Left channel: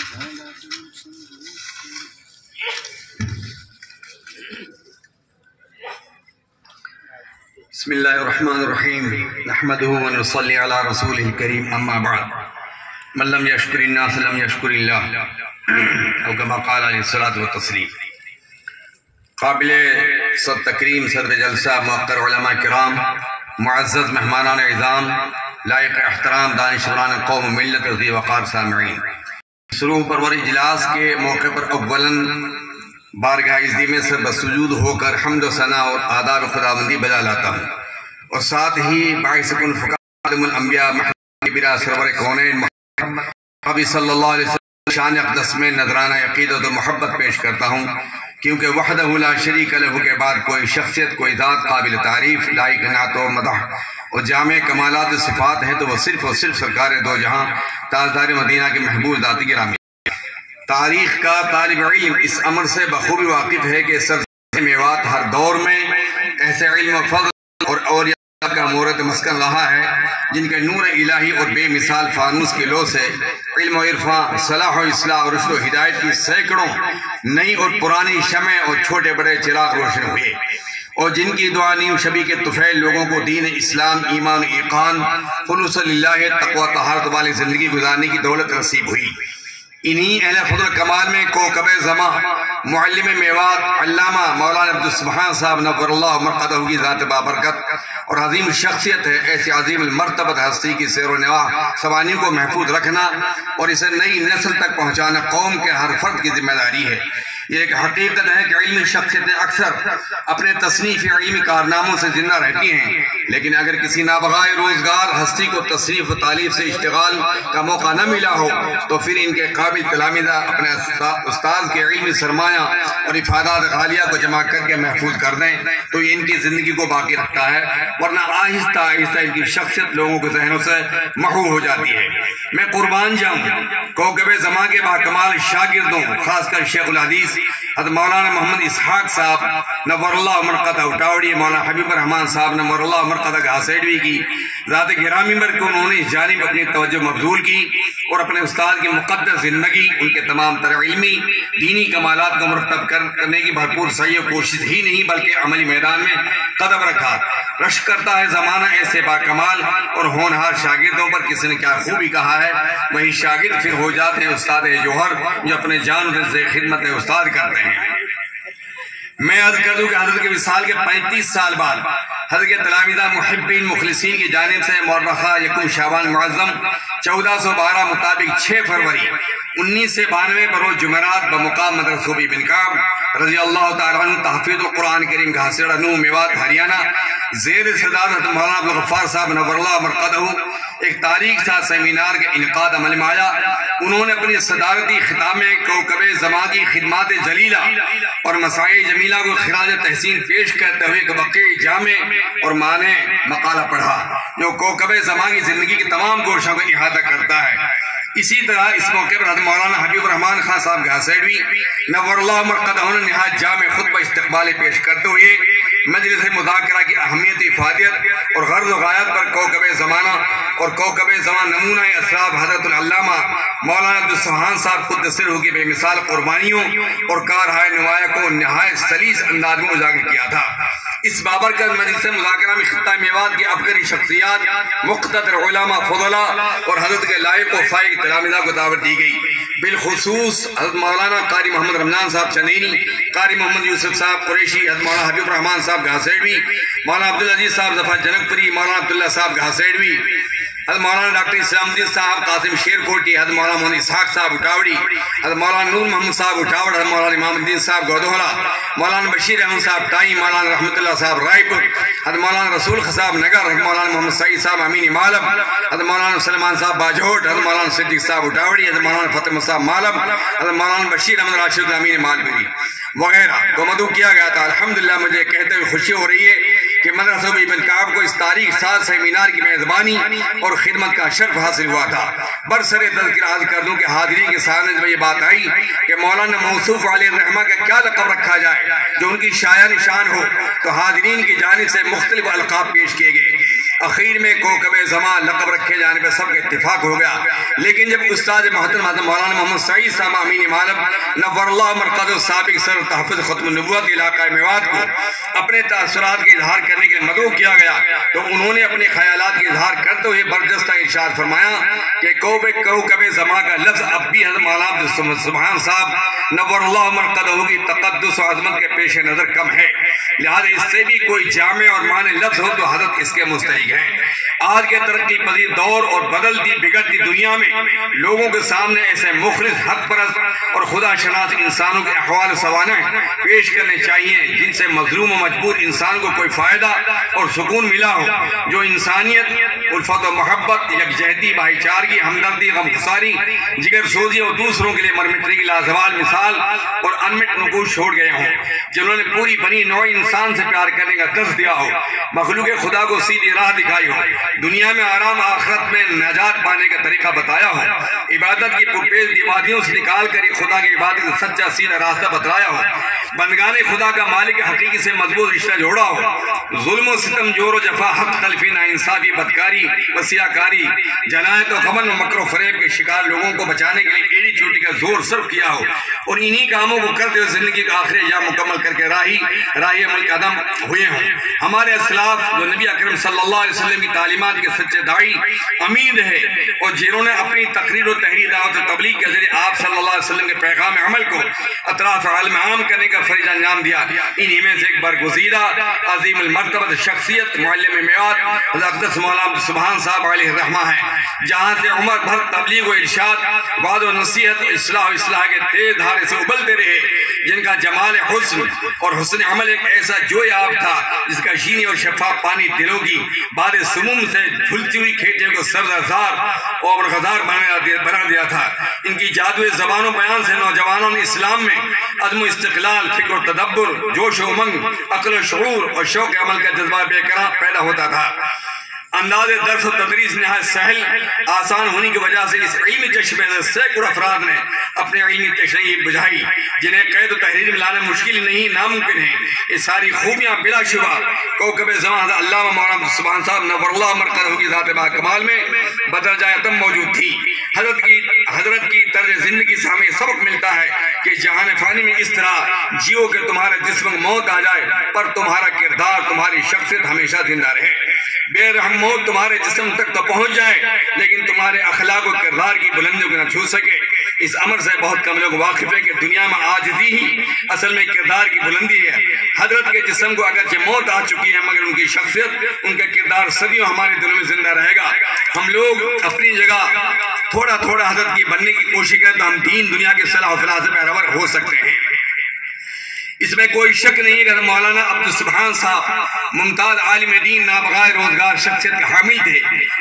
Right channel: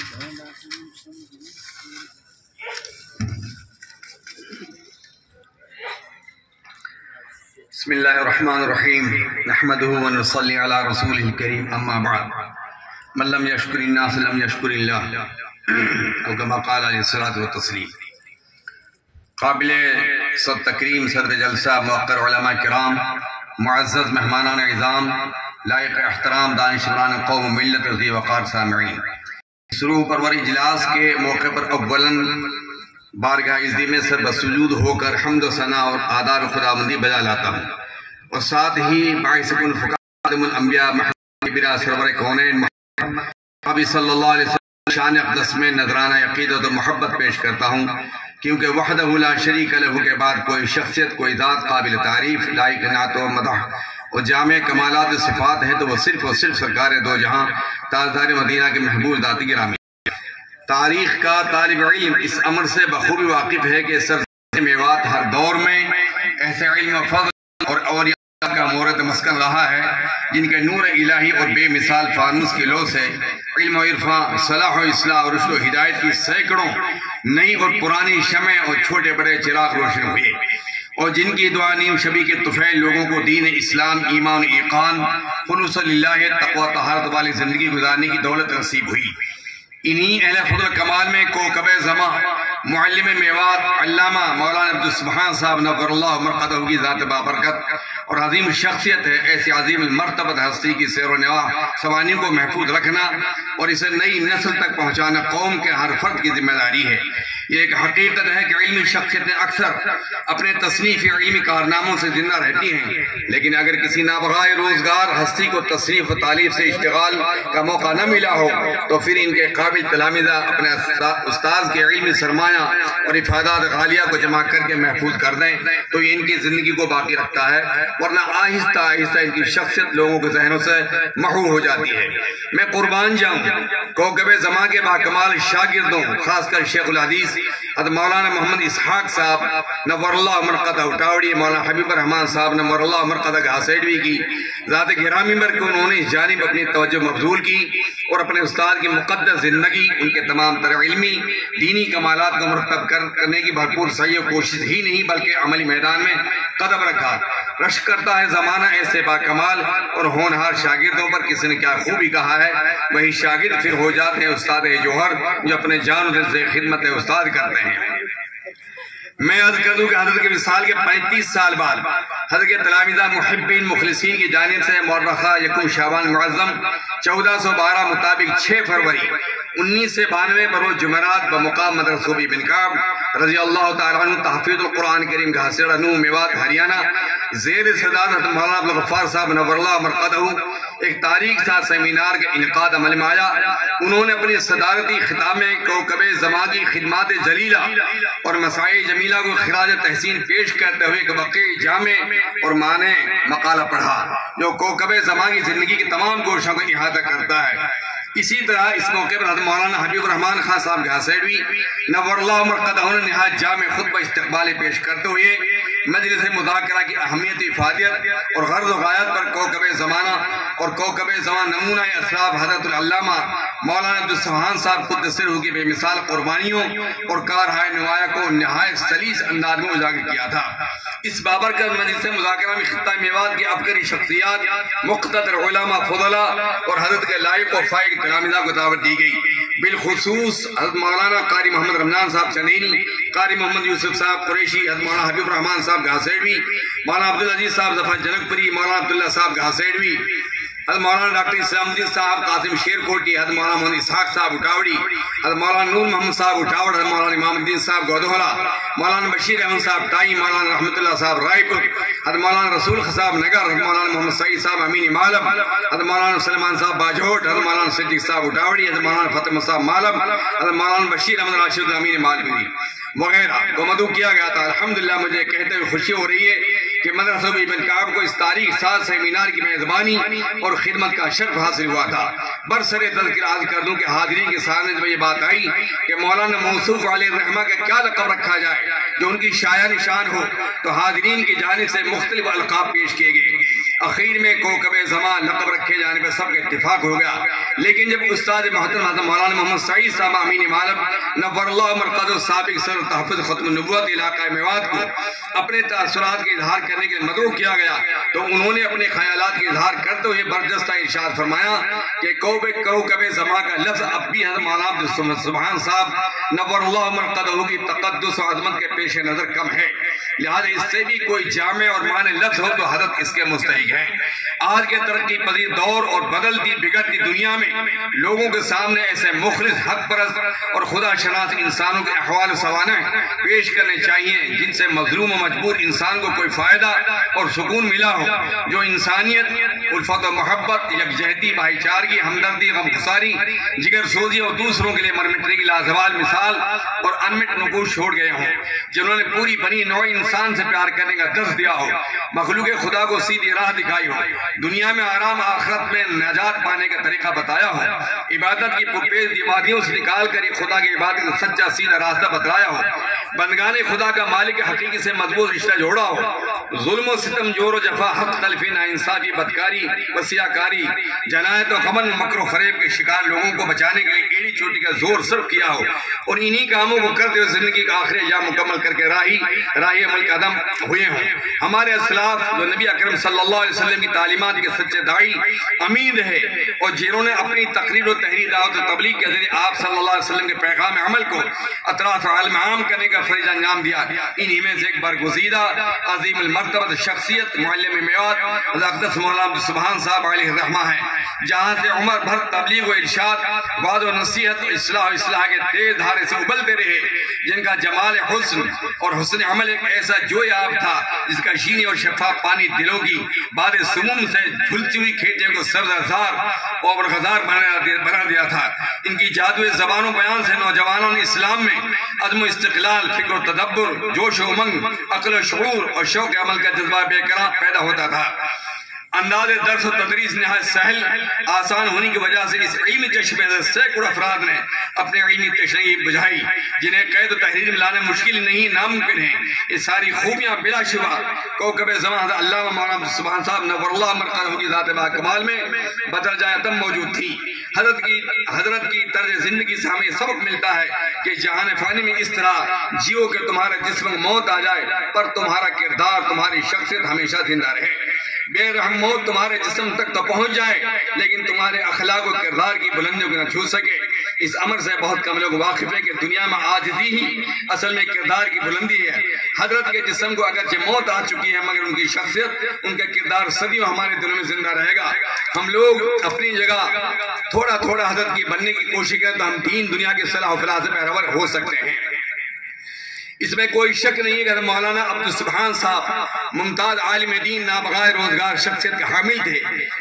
بسم اللہ الرحمن الرحیم نحمدہ ونصلی علی رسولہ الکریم اما بعد من لم یشکر الناس لم یشکر اللہ او کما قال علیہ الصلوۃ والتسلیم۔ قابل صد تکریم صدر جلسہ موقر علماء کرام، معزز مہمانان اعظام، لائق احترام دانشوران قوم ملت ذی وقار سامعین، سروح پرور اجلاس کے موقع پر اولاً بارگاہ عزی میں سر بسجود ہو کر حمد و ثنا اور آداب خداوندی بجا لاتا ہوں، اور ساتھ ہی باعث کن خاتم الانبیاء محمد کبیرہ سرور کونین نبی صلی اللہ علیہ وسلم شان اقدس میں نذرانہ عقیدت و محبت پیش کرتا ہوں، کیونکہ وحدہ لا شریک لہ کے بعد کوئی شخصیت، کوئی ذات قابل تعریف، لائق نعت و مدح اور جامع کمالات صفات ہے تو وہ صرف اور صرف سرکار دو جہاں تاجدار مدینہ کے محبوب ذات گرامی۔ تاریخ کا طالب علم اس امر سے بخوبی واقف ہے کہ سرزمین میوات ہر دور میں ایسے علم و فضل اور اولیاء کا مورد مسکن رہا ہے جن کے نور الہی اور بے مثال فانوس کی لو سے علم و عرفان، صلاح و اصلاح اور رشد و ہدایت کی سینکڑوں نئی اور پرانی شمع اور چھوٹے بڑے چراغ روشن ہوئے، اور جن کی دعا نیم شبی کے طفیل لوگوں کو دین اسلام، ایمان و ایقان، خلوص للہ، تقوی طہارت والی زندگی گزارنے کی دولت نصیب ہوئی۔ انہی اہل فضل کمال میں کوکب زماں، معلم میوات، علامہ مولانا عبدالسبحان صاحب نور اللہ مرقدہ کی ذات بابرکت اور عظیم شخصیت ہے۔ ایسی عظیم المرتبت ہستی کی سیر و نواح سوانی کو محفوظ رکھنا اور اسے نئی نسل تک پہنچانا قوم کے ہر فرد کی ذمہ داری ہے۔ یہ ایک حقیقت ہے کہ علمی شخصیتیں اکثر اپنے تصنیفی علمی کارناموں سے زندہ رہتی ہیں، لیکن اگر کسی نابغہ روزگار ہستی کو تصریف و تعلیف سے اشتغال کا موقع نہ ملا ہو تو پھر ان کے قابل تلامذہ اپنے استاد کے علمی سرمایہ اور افادات غالیہ کو جمع کر کے محفوظ کر دیں تو یہ ان کی زندگی کو باقی رکھتا ہے، ورنہ آہستہ آہستہ ان کی شخصیت لوگوں کے ذہنوں سے محو ہو جاتی ہے۔ میں قربان جاؤں کوکب زماں کے باکمال شاگردوں، خاص کر شیخ الحدیث حضرت مولانا محمد اسحاق صاحب نور اللہ مرقدہ اٹاوڑی، مولانا حبیب الرحمن صاحب نور اللہ مرقدہ گھاسیڑوی کی ذات گرامی پر کہ انہوں نے اس جانب اپنی توجہ مبذول کی اور اپنے استاد کی مقدس زندگی، ان کے تمام تر علمی دینی کمالات کو مرتب کرنے کی بھرپور سعی و کوشش ہی نہیں بلکہ عملی میدان میں قدم رکھا۔ رشک کرتا ہے زمانہ ایسے باکمال اور ہونہار شاگردوں پر، کسی نے کیا خوبی کہا ہے، وہی شاگرد پھر ہو جاتے ہیں استاد جوہر جو اپنے جان و دل سے خدمت استاد کرتے ہیں۔ میں عرض کر دوں کہ حضرت کے وصال کے 35 سال بعد حضرت کے تلامذہ محبین مخلصین کی جانب سے مورخہ یکم شعبان معظم 1412 مطابق 6 فروری 1992 بروز جمعرات بمقام مدرسہ بن کعب رضی اللہ تعالیٰ عنہ تحفیظ القرآن کریم گھاسیڑا نو میوات ہریانہ زیر صدارت حضرت مولانا عبدالغفار صاحب نور اللہ مرقدہ ایک تاریخ سا سیمینار کا انعقاد عمل میں آیا۔ انہوں نے اپنی صدارتی خطاب میں کوکب زماں کی خدمات جلیلہ اور مسائل جمیلہ کو خراج تحسین پیش کرتے ہوئے ایک وقع جامع اور معنی مقالہ پڑھا جو کوکب زماں کی زندگی کے تمام گوشوں کو احاطہ کرتا ہے۔ اسی طرح اس موقع پر حضرت مولانا حبیب الرحمن خان صاحب گھاسیڑوی نور اللہ مرقدہ نے نہایت جامع خطبہ استقبالی پیش کرتے ہوئے مجلس مذاکرہ کی اہمیت، افادیت اور غرض و غایت پر کوکب زمانہ اور کوکب زمان نمونہ اسراب حضرت العلامہ مولانا عبدالسبحان صاحب قدس سرہ کی بے مثال قربانیوں اور کارہائے نمایاں کو نہایت سلیس انداز میں اجاگر کیا تھا۔ اس بابرکت مجلس مذاکرہ میں خطہ میوات کی عبقری شخصیات، مقتدر علماء فضلاء اور حضرت کے لائق و فائق تلامذہ کو دعوت دی گئی۔ بالخصوص حضرت مولانا قاری محمد رمضان صاحب چنینی، قاری محمد یوسف صاحب قریشی، حضرت مولانا حبیب الرحمن صاحب گھاسیڑوی، مولانا عبدالعزیز صاحب ظفر جنک پری، مولانا عبداللہ صاحب گھاسیڑوی، حضرت مولانا ڈاکٹر اسلام الدین صاحب قاسم شیر کوٹی، حضرت مولانا محمد اسحاق صاحب اٹاوڑی، حضرت مولانا نور محمد صاحب اٹاوڑ، حضرت مولانا امام الدین صاحب گودھولا، مولانا بشیر احمد صاحب ٹائی، مولانا رحمت اللہ صاحب رائے پور، حضرت مولانا رسول صاحب نگر، حضرت مولانا محمد سعید صاحب امین مالم، حضرت مولانا سلمان صاحب باجوٹ، حضرت مولانا صدیق صاحب اٹاوڑی، حضرت مولانا فتح صاحب مالم، حضرت مولانا بشیر احمد راشد امین مالپوری وغیرہ کو مدعو کیا گیا تھا۔ الحمدللہ مجھے کہتے ہوئے خوشی ہو رہی ہے کہ مدرسہ ابن کعب کو اس تاریخ ساز سیمینار کی میزبانی اور خدمت کا شرف حاصل ہوا تھا۔ برسر تذکرہ عرض کر دوں کہ حاضرین کے سامنے جب یہ بات آئی کہ مولانا موصوف علیہ الرحمہ کا کیا لقب رکھا جائے جو ان کی شایع نشان ہو تو حاضرین کی جانب سے مختلف القاب پیش کیے گئے۔ اخیر میں کوکب زمان لقب رکھے جانے پہ سب کا اتفاق ہو گیا، لیکن جب استاد محترم حضرت مولانا محمد سعید صاحب امین معلم نور اللہ مرقد سابق سر تحفظ ختم النبوت علاقہ میوات کو اپنے تاثرات کے اظہار کرنے کے لیے مدعو کیا گیا تو انہوں نے اپنے خیالات کے اظہار کرتے ہوئے برجستہ ارشاد فرمایا کہ کوکب زمان کا لفظ اب بھی حضرت مولانا سبحان صاحب نور اللہ مرقدہ کی تقدس و عظمت کے پیش نظر کم ہے، لہذا اس سے بھی کوئی جامع اور معنی لفظ ہو تو حضرت اس کے مستحق ہیں۔ آج کے ترقی پذیر دور اور بدلتی بگڑتی دنیا میں لوگوں کے سامنے ایسے مخلص حق پرست اور خدا شناس انسانوں کے احوال سوانح پیش کرنے چاہیے جن سے مظلوم و مجبور انسان کو کوئی فائدہ اور سکون ملا ہو، جو انسانیت، الفت و محبت، یکجہتی، بھائی چارگی، ہمدردی، غمگساری، جگر سوزی اور دوسروں کے لیے مرمٹنے کی لازوال مثال اور انمٹ نقوش چھوڑ گئے ہوں، جنہوں نے پوری بنی نوع انسان سے پیار کرنے کا درس دیا ہو، مخلوق خدا کو سیدھی راہ دکھائی ہو، دنیا میں آرام آخرت میں نجات پانے کا طریقہ بتایا ہو، عبادت کی پرپیش دیوادیوں سے نکال کر خدا کی عبادت کا سچا سیدھا راستہ بتلایا ہو، بندگان خدا کا مالک حقیقی سے مضبوط رشتہ جوڑا ہو، ظلم و ستم، جور و جفا، حق تلفی، ناانصافی، بدکاری، وسیعکاری، جنایت و غبن و مکر و فریب کے شکار لوگوں کو بچانے کے لیے ایڑی چوٹی کا زور صرف کیا ہو، اور انہی کاموں کو کرتے ہوئے زندگی کا آخری ایام مکمل کر کے راہی عمل قدم ہوئے ہوں۔ ہمارے اسلاف جو نبی اکرم صلی اللہ علیہ وسلم کی تعلیمات کے سچے داعی امین رہے اور جنہوں نے اپنی تقریر و تحریر دعوت و تبلیغ کے ذریعے آپ صلی اللہ علیہ وسلم کے پیغام عمل کو اطراف عالم عام کرنے کا فریضہ انجام دیا، انہی میں سے ایک برگزیدہ عظیم المرتبہ شخصیت معلم میوات حضرت اقدس مولانا سبحان صاحب علیہ الرحمہ ہیں، جہاں سے عمر بھر تبلیغ و ارشاد، وعظ و نصیحت و اصلاح کے تیز دھارے سے ابلتے رہے، جن کا جمال حسن اور حسن عمل ایک ایسا جوئے آب تھا جس کا شینی اور شفاف پانی دلوں کی باد سموم سے جھلتی ہوئی کھیتیوں کو سبززار اور غزار بنا دیا تھا۔ ان کی جادوئی زبان و بیان سے نوجوانوں نے اسلام میں عزم و استقلال، فکر و تدبر، جوش و امنگ، عقل و شعور اور شوق عمل کا جذبہ بے قرار پیدا ہوتا تھا۔ انداز درس و تدریس نہایت سہل آسان ہونے کی وجہ سے اس علمی چشمے سے سینکڑوں افراد نے اپنے علمی تشریح بجھائی جنہیں قید و تحریر میں لانا مشکل نہیں، ناممکن ہے۔ یہ ساری خوبیاں بلا شبہ کوکب زمان علامہ مولانا سبحان صاحب نور اللہ مرقدہ کی ذات با کمال میں بدرجہ اتم موجود تھی۔ حضرت کی طرز زندگی سے ہمیں سبق ملتا ہے کہ جہان فانی میں اس طرح جیو کہ تمہارا جسم موت آ جائے پر تمہارا کردار، تمہاری شخصیت ہمیشہ زندہ رہے۔ بے رحم موت تمہارے جسم تک تو پہنچ جائے لیکن تمہارے اخلاق و کردار کی بلندیوں کو نہ چھو سکے۔ اس امر سے بہت کم لوگ واقف ہے کہ دنیا میں عاجزی ہی اصل میں کردار کی بلندی ہے۔ حضرت کے جسم کو اگرچہ موت آ چکی ہے مگر ان کی شخصیت، ان کا کردار صدیوں ہمارے دلوں میں زندہ رہے گا۔ ہم لوگ اپنی جگہ تھوڑا تھوڑا حضرت کی بننے کی کوشش کریں تو ہم دین دنیا کے صلاح و فلاح سے پیروار ہو سکتے ہیں۔ اس میں کوئی شک نہیں کہ مولانا عبدالسبحان صاحب ممتاز عالم دین، نابغہ روزگار شخصیت کے حامل تھے،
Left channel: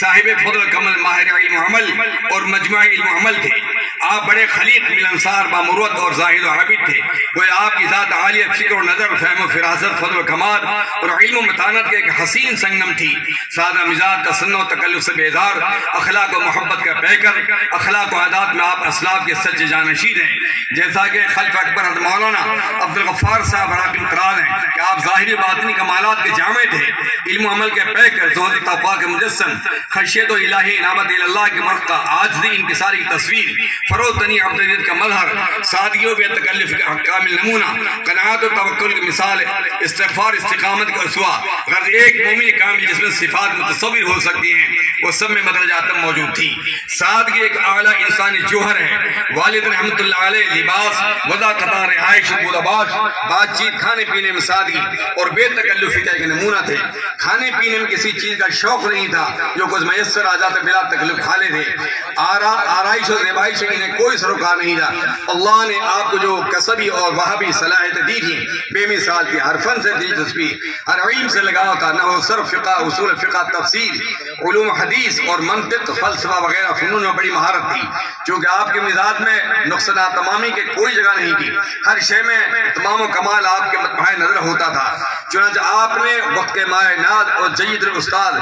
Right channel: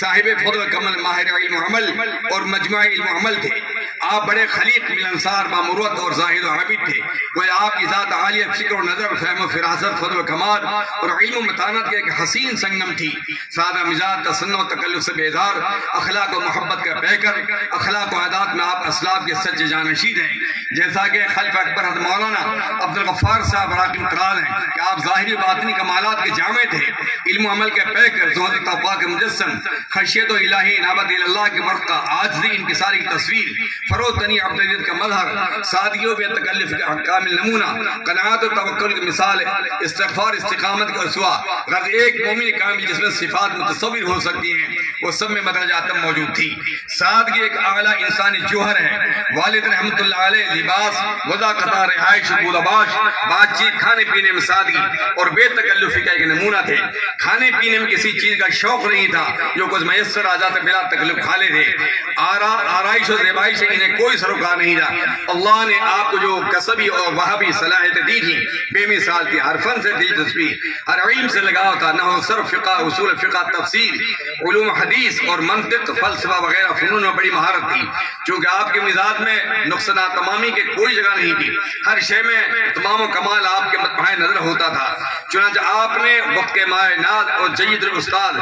صاحب فضل کمل، ماہر علم و عمل اور مجمع علم و عمل تھے۔ آپ بڑے خلیق، ملنسار، بامروت اور زاہد و عابد تھے۔ وہ آپ کی ذات عالیہ فکر و نظر، فہم و فراست، فضل و کمال اور علم و متانت کے ایک حسین سنگم تھی۔ سادہ مزاج، تصنع و تکلف سے بیزار، اخلاق و محبت کا پیکر، اخلاق و عادات میں آپ اسلاف کے سچے جانشین ہیں۔ جیسا کہ خلف اکبر حضرت مولانا عبدالغفار صاحب راکم تراز ہیں کہ آپ ظاہری باطنی کمالات کے جامع تھے، علم و عمل کے پیکر، زہد تقویٰ کے مجسم، خشیت و الہی انابت اللہ کے مرقع، عاجزی انکساری کی تصویر، فروتنی عبدالعزت کا مظہر، سادگی و بے تکلف کا کامل نمونہ، قناعت و توکل کی مثال، استغفار استقامت کا اسوہ، غرض ایک مومن کامل جس میں صفات متصور ہو سکتی ہیں وہ سب میں مدرجات موجود تھی۔ سادگی ایک اعلیٰ انسانی جوہر ہے۔ والد رحمت اللہ علیہ لباس، وضع قطار، رہائش، بوداباش، بات چیت، کھانے پینے میں سادگی اور بے تکلفی کا ایک نمونہ تھے۔ کھانے پینے میں کسی چیز کا شوق نہیں تھا، جو کچھ میسر آ جاتا بلا تکلف کھا لیتے تھے۔ آرائش و زیبائش سے انہیں کوئی سروکار نہیں تھا۔ اللہ نے آپ کو جو کسبی اور وہابی صلاحیت دی تھی بے مثال تھی۔ ہر فن سے دلچسپی، ہر علم سے لگاؤ تھا، نحو، صرف، فقہ، اصول فقہ، تفسیر، علوم حدیث اور منطق، فلسفہ وغیرہ فنون میں بڑی مہارت تھی۔ چونکہ آپ کے مزاج میں نقصانات تمامی کے کوئی جگہ نہیں تھی، ہر شے میں تمام و کمال آپ کے مطمئن نظر ہوتا تھا۔ چنانچہ آپ نے وقت کے مائع ناز اور جید استاد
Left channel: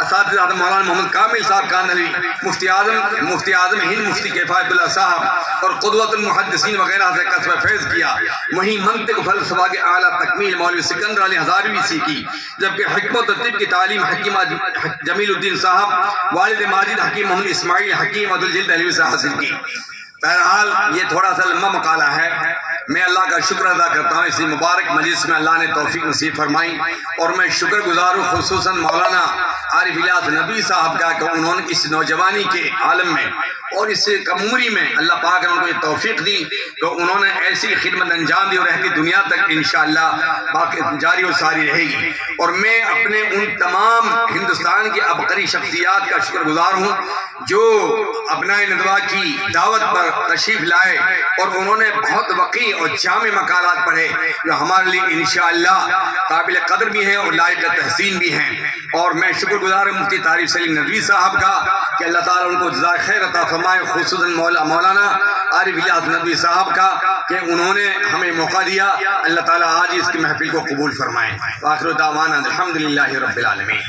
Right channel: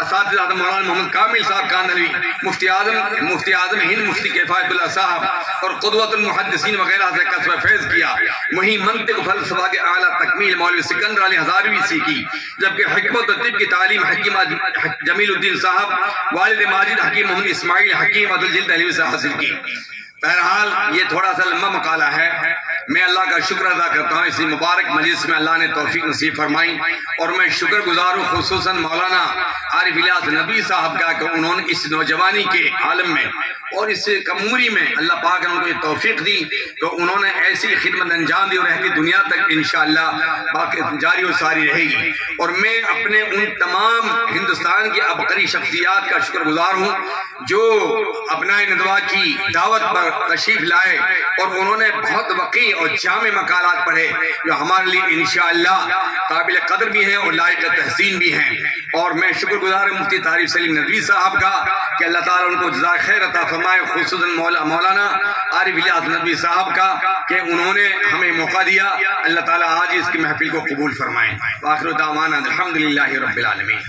اساتذہ مولانا محمد کامل صاحب کاندھلوی، مفتی اعظم ہند، مفتی کفایت اللہ اللہ صاحب اور قدوۃ المحدثین وغیرہ سے کسب فیض کیا، وہیں منطق فلسفہ کے اعلیٰ تکمیل مولوی سکندر علی ہزاروی سیکھی، جبکہ حکمت و طب کی تعلیم حکیم جمیل الدین صاحب والد ماجد حکیم محمد اسماعیل حکیم عبدالجلیل دہلوی سے حاصل کی۔ بہرحال یہ تھوڑا سا لمبا مقالہ ہے، میں اللہ کا شکر ادا کرتا ہوں اسی مبارک مجلس میں اللہ نے توفیق نصیب فرمائی، اور میں شکر گزار ہوں خصوصاً مولانا عارف الیاس نبی صاحب کا کہ انہوں نے اس نوجوانی کے عالم میں اور اس کم عمری میں اللہ پاک نے ان کو یہ توفیق دی کہ انہوں نے ایسی خدمت انجام دی اور رہتی دنیا تک انشاءاللہ باقی جاری اور ساری رہے گی۔ اور میں اپنے ان تمام ہندوستان کی عبقری شخصیات کا شکر گزار ہوں جو ابنائے ندوہ کی دعوت پر تشریف لائے اور انہوں نے بہت وقی اور جامع مقالات پڑھے جو ہمارے لیے انشاءاللہ قابل قدر بھی ہیں اور لائق تحسین بھی ہیں۔ اور میں شکر گزار ہوں مفتی طارق سلیم ندوی صاحب کا کہ اللہ تعالیٰ ان کو جزائے خیر عطا فرمائے، خصوصاً مولانا عارف الیاس ندوی صاحب کا کہ انہوں نے ہمیں موقع دیا، اللہ تعالیٰ آج اس کی محفل کو قبول فرمائے۔ وآخر دعوانا الحمدللہ رب العالمین۔